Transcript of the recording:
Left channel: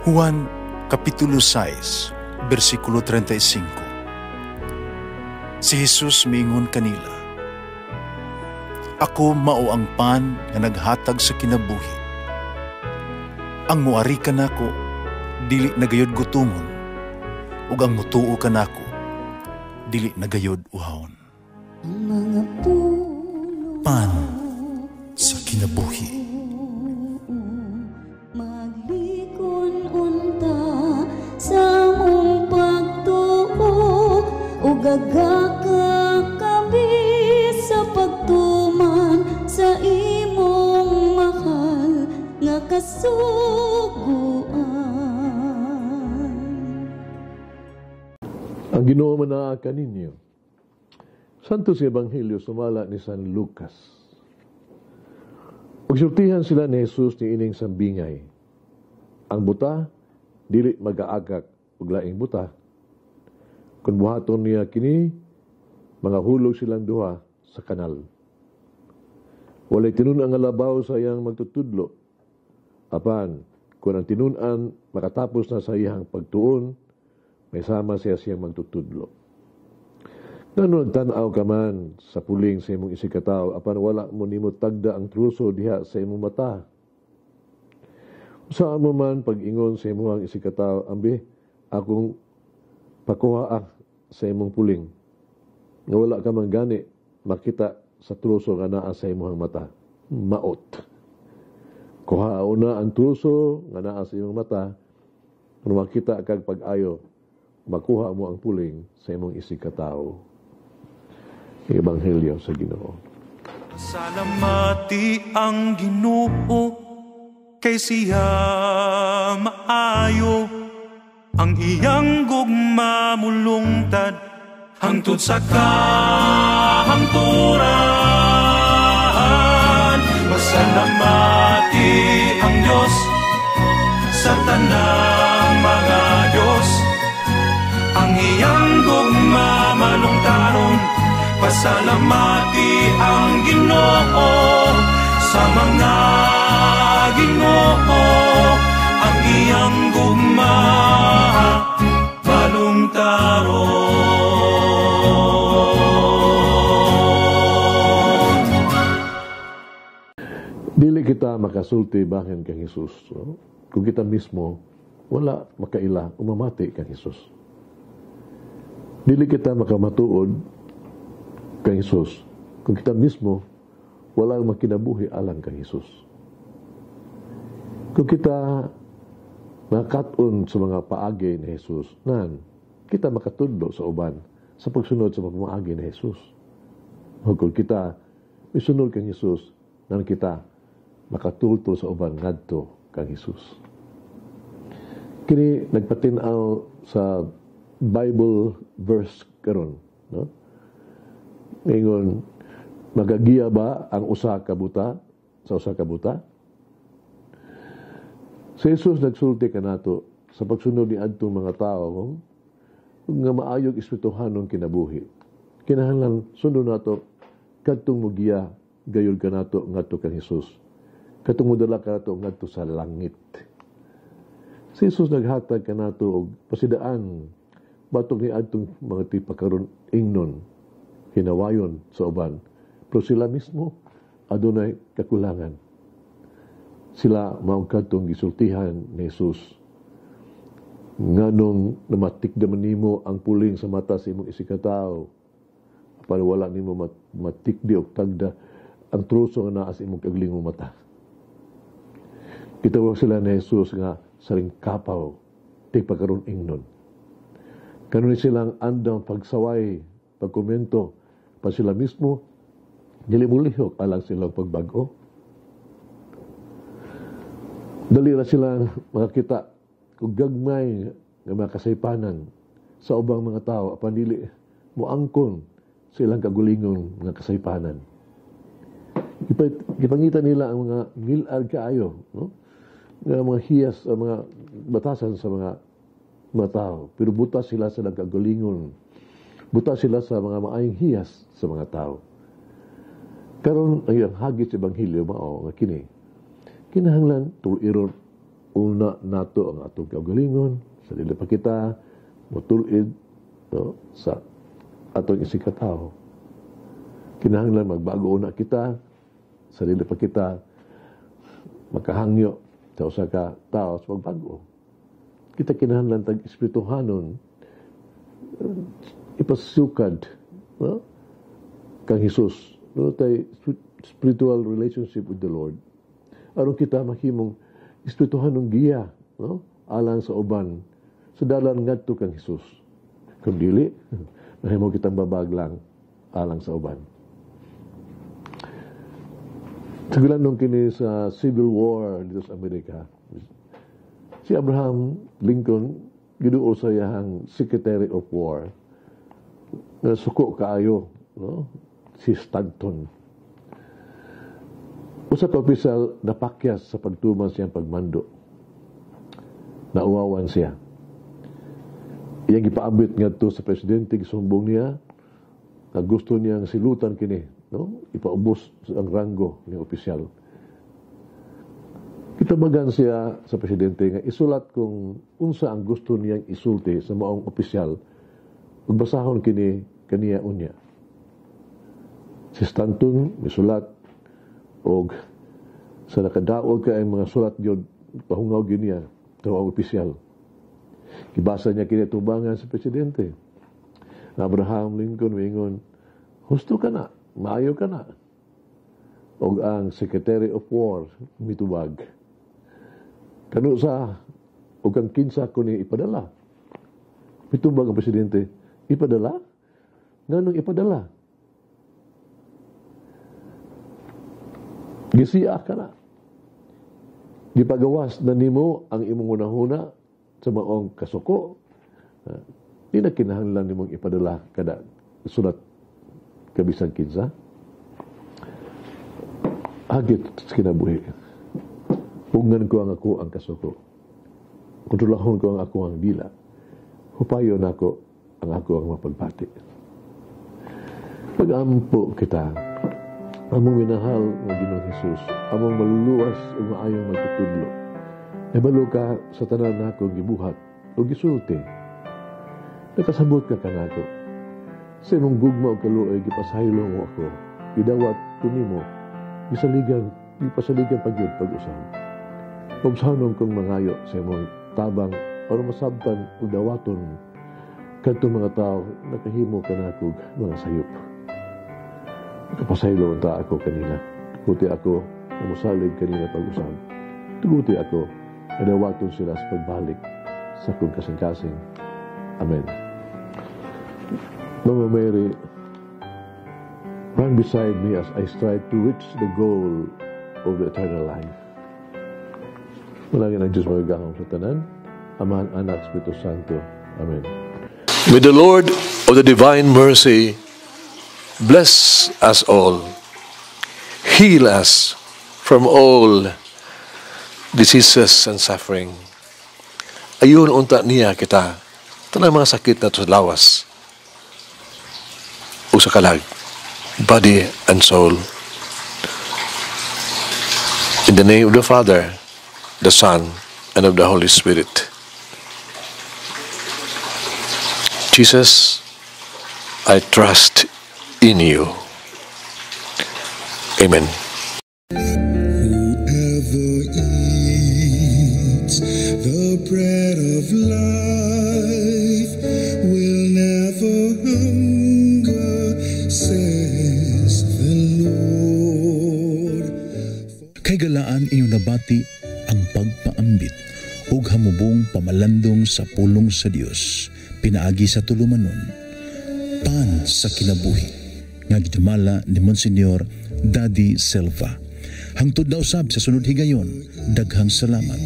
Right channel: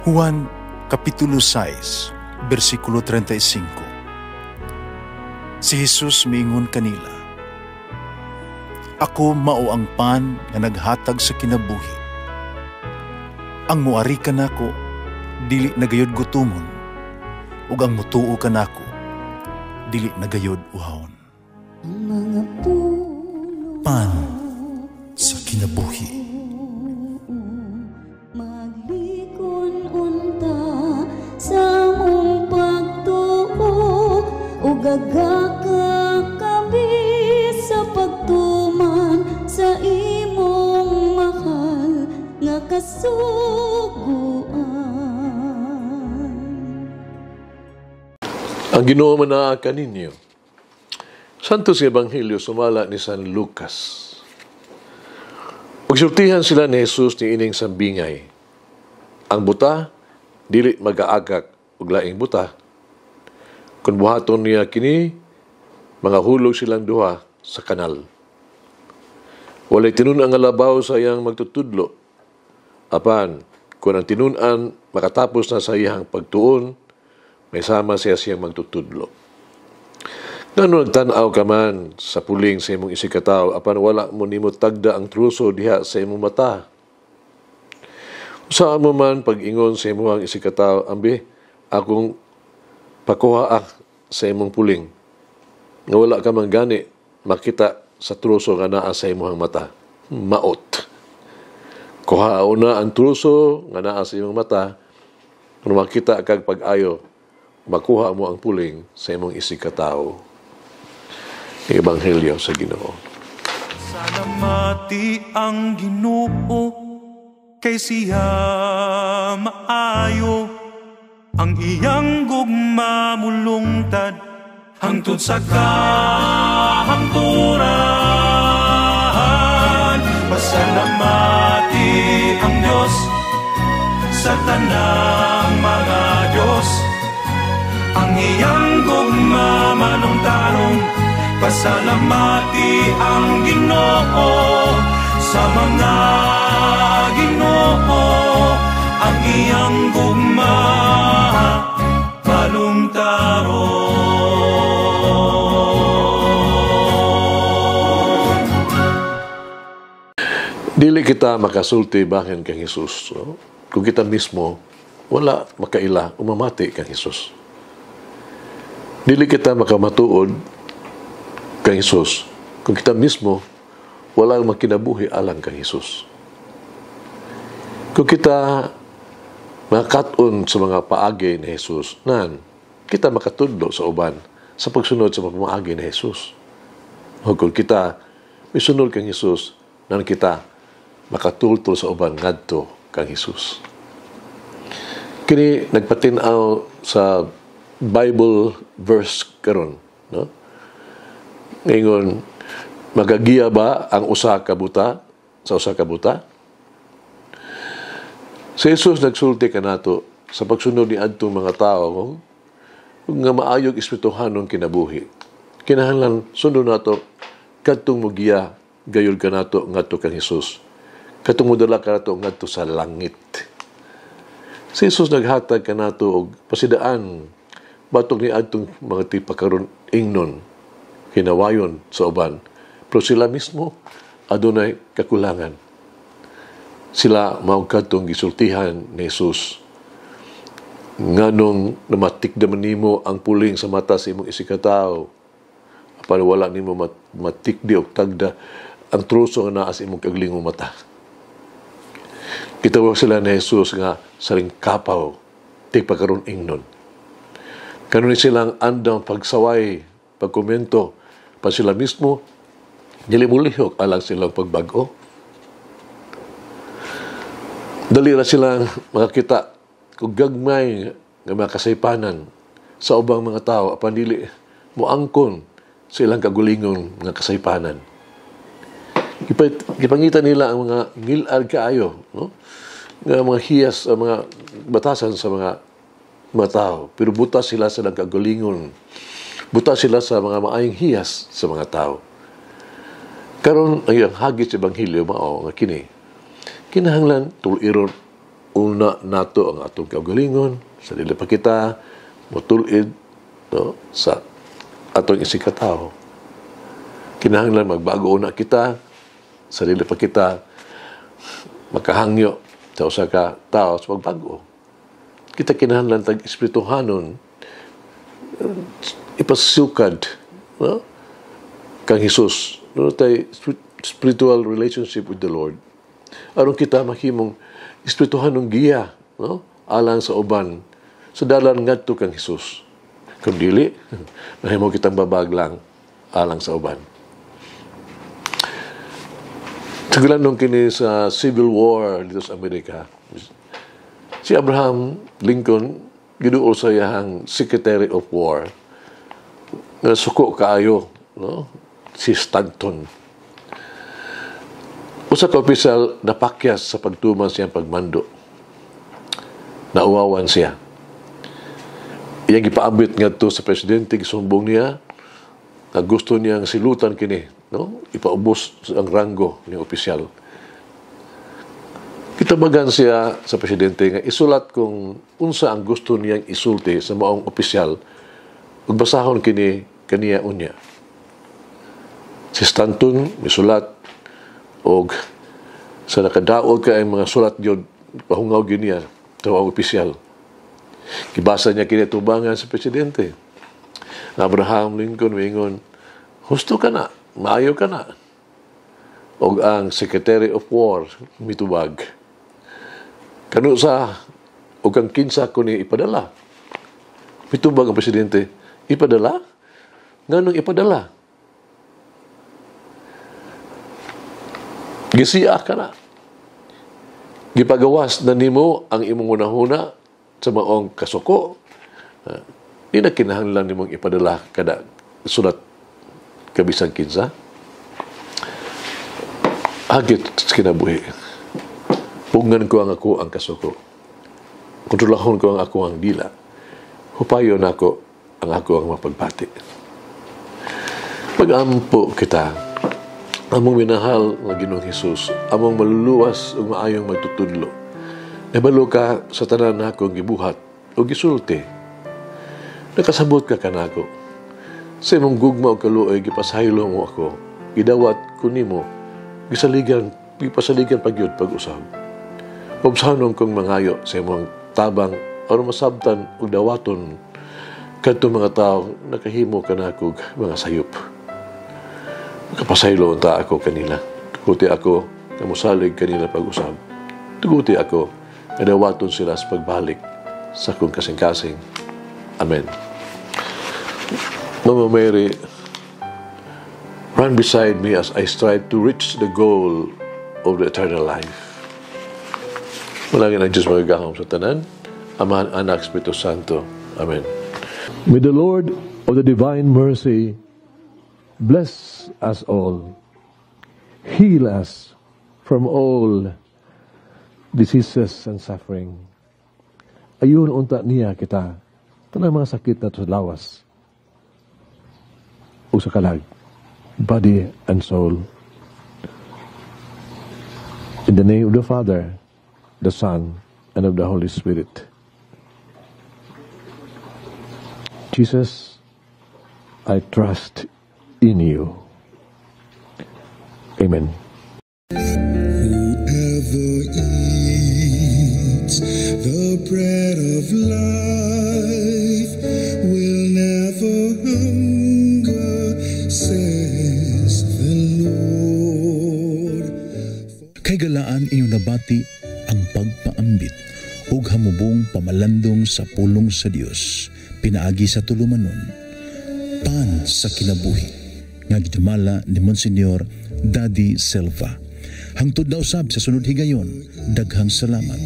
Juan Kapitulo 6, versikulo 35. Si Jesus miingon kanila, "Ako mao ang pan nga naghatag sa kinabuhi. Ang muari kanako dili nagayod gutomon, ug ang mutuo kanako dili nagayod uhawon." Pan sa kinabuhi. Gagakakabi sa pagtuman sa imong mahal nga kasuguan. Ang Ginoo manaa kaninyo. Santos nga Ebanghelyo sumala ni San Lucas. Pagsultihan sila ni Jesus ni ining sambingay. Ang buta dili mag-aagak ug laing buta. Kung buhaton niya kini, mga hulog silang duha sa kanal. Walay tinun ang alabaw sa iyang magtutudlo. Apan, kung ang tinunan makatapos na sa iyang pagtuon, may sama siya siyang magtutudlo. Ngano nagtanaw ka man sa puling sa imong isikataw, apan wala mo nimo tagda ang truso diha sa imong mata. Saan mo man pag-ingon sa imong isikataw, ambi, akong pakuha sa imong puling. Nga wala ka man gani makita sa truso nga naa sa imong mata. Maot. Kuha na ang truso nga naa sa imong mata, kung makita kag pag-ayo, makuha mo ang puling sa imong isikataw. Ebanghelyo sa Ginoo. Salamati ang Ginoo kay siya maayo. Ang iyang gugma mulungtad hangtod sa kahangturan. Pasalamati ang Diyos sa tanang mga Diyos. Ang iyang gugma malungtaron. Pasalamati ang Ginoo sa mga Ginoo. Ang iyang gugma balungtaron. Dili kita makasulti bahin kang Jesus. No? Kung kita mismo, wala makaila umamati kang Jesus. Dili kita makamatuod kang Jesus. Kung kita mismo, wala makinabuhi alang kang Jesus. Kung kita makaton sa mga paagi ni Jesus, nan, kita makatudlo sa uban sa pagsunod sa mga paagi ni Jesus. O kung kita misunod kang Jesus, nan kita makatultol sa uban ngadto kang Jesus. Kini nagpatinaw sa Bible verse karon, no? Ngayon, magagiya ba ang usa ka buta sa usa ka buta? Si Jesus nagsulti kanato sa pagsunod ni adtong mga tao nga maayog espirituhanong kinabuhi. Kinahanglan sunod nato kadtong mugiya gayud kanato ngadto kang Jesus. Kadtong modala kanato ngadto sa langit. Si Jesus naghatag kanato og pasidaan batok ni adtong mga tipakaron ingnon hinawayon sa uban. Pero sila mismo adunay kakulangan. Sila maugkadtong gisultihan ni Jesus. Nganong namatikdaman nimo ang puling sa mata sa imong isikataw. Apan wala nimo matikdi og tagda ang truso nga naa sa imong kaglingong mata. Kitawag sila ni Jesus nga saring kapaw, tigpakaroon ingnon. Kanon silang andang pagsaway, pagkomento, pa sila mismo, dili mulihok alang silang pagbago. Dali na silang makakita kung gagmay nga mga kasaypanan sa ubang mga tao, apan dili moangkon sa ilang kagulingon nga kasaypanan. Gipangita nila ang mga ngilad kaayo, no? Nga mga hiyas, mga batasan sa mga tao. Pero buta sila sa nagkagulingon. Buta sila sa mga maayong hiyas sa mga tao. Karon ang hagit sa Ebanghelyo mao nga kini kinahanglan tuliron una nato ang atong kaugalingon, sa dili pa kita motulid no, sa atong isikataw. Kinahanglan magbago una kita, sa dili pa kita makahangyo sa usa ka tao sa pagbago. Kita kinahanglan tag espirituhanon ipasukad no? Kang Hesus. No tay spiritual relationship with the Lord. Aron kita mahimong espirituhanong giya no? Alang sa uban sa dalan ngadto kang Hesus. Kung dili, mahimo kitang babaglang alang sa uban. Sigulan nung kini sa Civil War dito sa Amerika, si Abraham Lincoln, giduol sa iyang Secretary of War, na suko kaayo, no? Si Stanton. Usa ka opisyal napakyas sa pagtuman siyang pagmando. Nauwawan siya. Iyang ipaabot ngadto sa presidente, gisumbong niya na gusto niyang silutan kini, no? Ipaubos ang ranggo ng opisyal. Kitabagan siya sa presidente nga isulat kung unsa ang gusto niyang isulti sa maong opisyal ug basahon kini kaniya unya. Si Stanton misulat og sa nakadaog ka ang mga sulat gyud pahungaw gyud niya sa maong opisyal. Gibasa niya kini tubangan sa presidente. Abraham Lincoln wingon, husto ka na, maayo ka na. Og ang Secretary of War mitubag. Kano sa og ang kinsa ko ni ipadala. Mitubag ang presidente, ipadala? Nganong ipadala? Gisiya ka na. Gipagawas na nimo ang imong unahuna sa maong kasuko. Di na kinahanglan nimong ipadala kada sulat kabisang kinsa. Hagit sa kinabuhi. Pungan ko ang ako ang kasuko. Kontrolahon ko ang ako ang dila. Hupayo na ako ang ako ang mapagbati. Pag-ampo kita, among minahal ng Ginoong Hesus, among maluluwas ug maayong magtutudlo. Nabalo ka sa tanan na akong gibuhat o gisulti. Nakasabot ka kanako. Sa imong gugma o kaluoy, gipasaylo mo ako. Gidawat ko nimo, gipasaligan pagyud pag-usab. Obsahanon kong mangayo sa imong tabang o masabtan o dawaton kadto mga tao nakahimo kanako mga sayop. Nakapasaylo unta ako kanila. Tuguti ako na musalig kanila pag-usab. Tuguti ako dawaton sila sa pagbalik sa kong kasing-kasing. Amen. Mama Mary, run beside me as I strive to reach the goal of the eternal life. Malangin ang Diyos magagahom sa tanan, Ama, Anak, Espiritu Santo. Amen. May the Lord of the divine mercy bless us all, heal us from all diseases and suffering. Ayun unta niya kita, tanang mga sakit na to lawas, o sa kalag, body and soul. In the name of the Father, the Son, and of the Holy Spirit. Jesus, I trust in you. Amen. The bread of life will never hunger, says the Lord. Kay galaan inyong nabati ang pagpaambit ug hamubong pamalandong sa pulong sa Dios pinaagi sa tulumanon pan sa kinabuhi nga gidumala ni Monsignor Daddy Silva. Hangtod na usab sa sunod higayon, daghang salamat.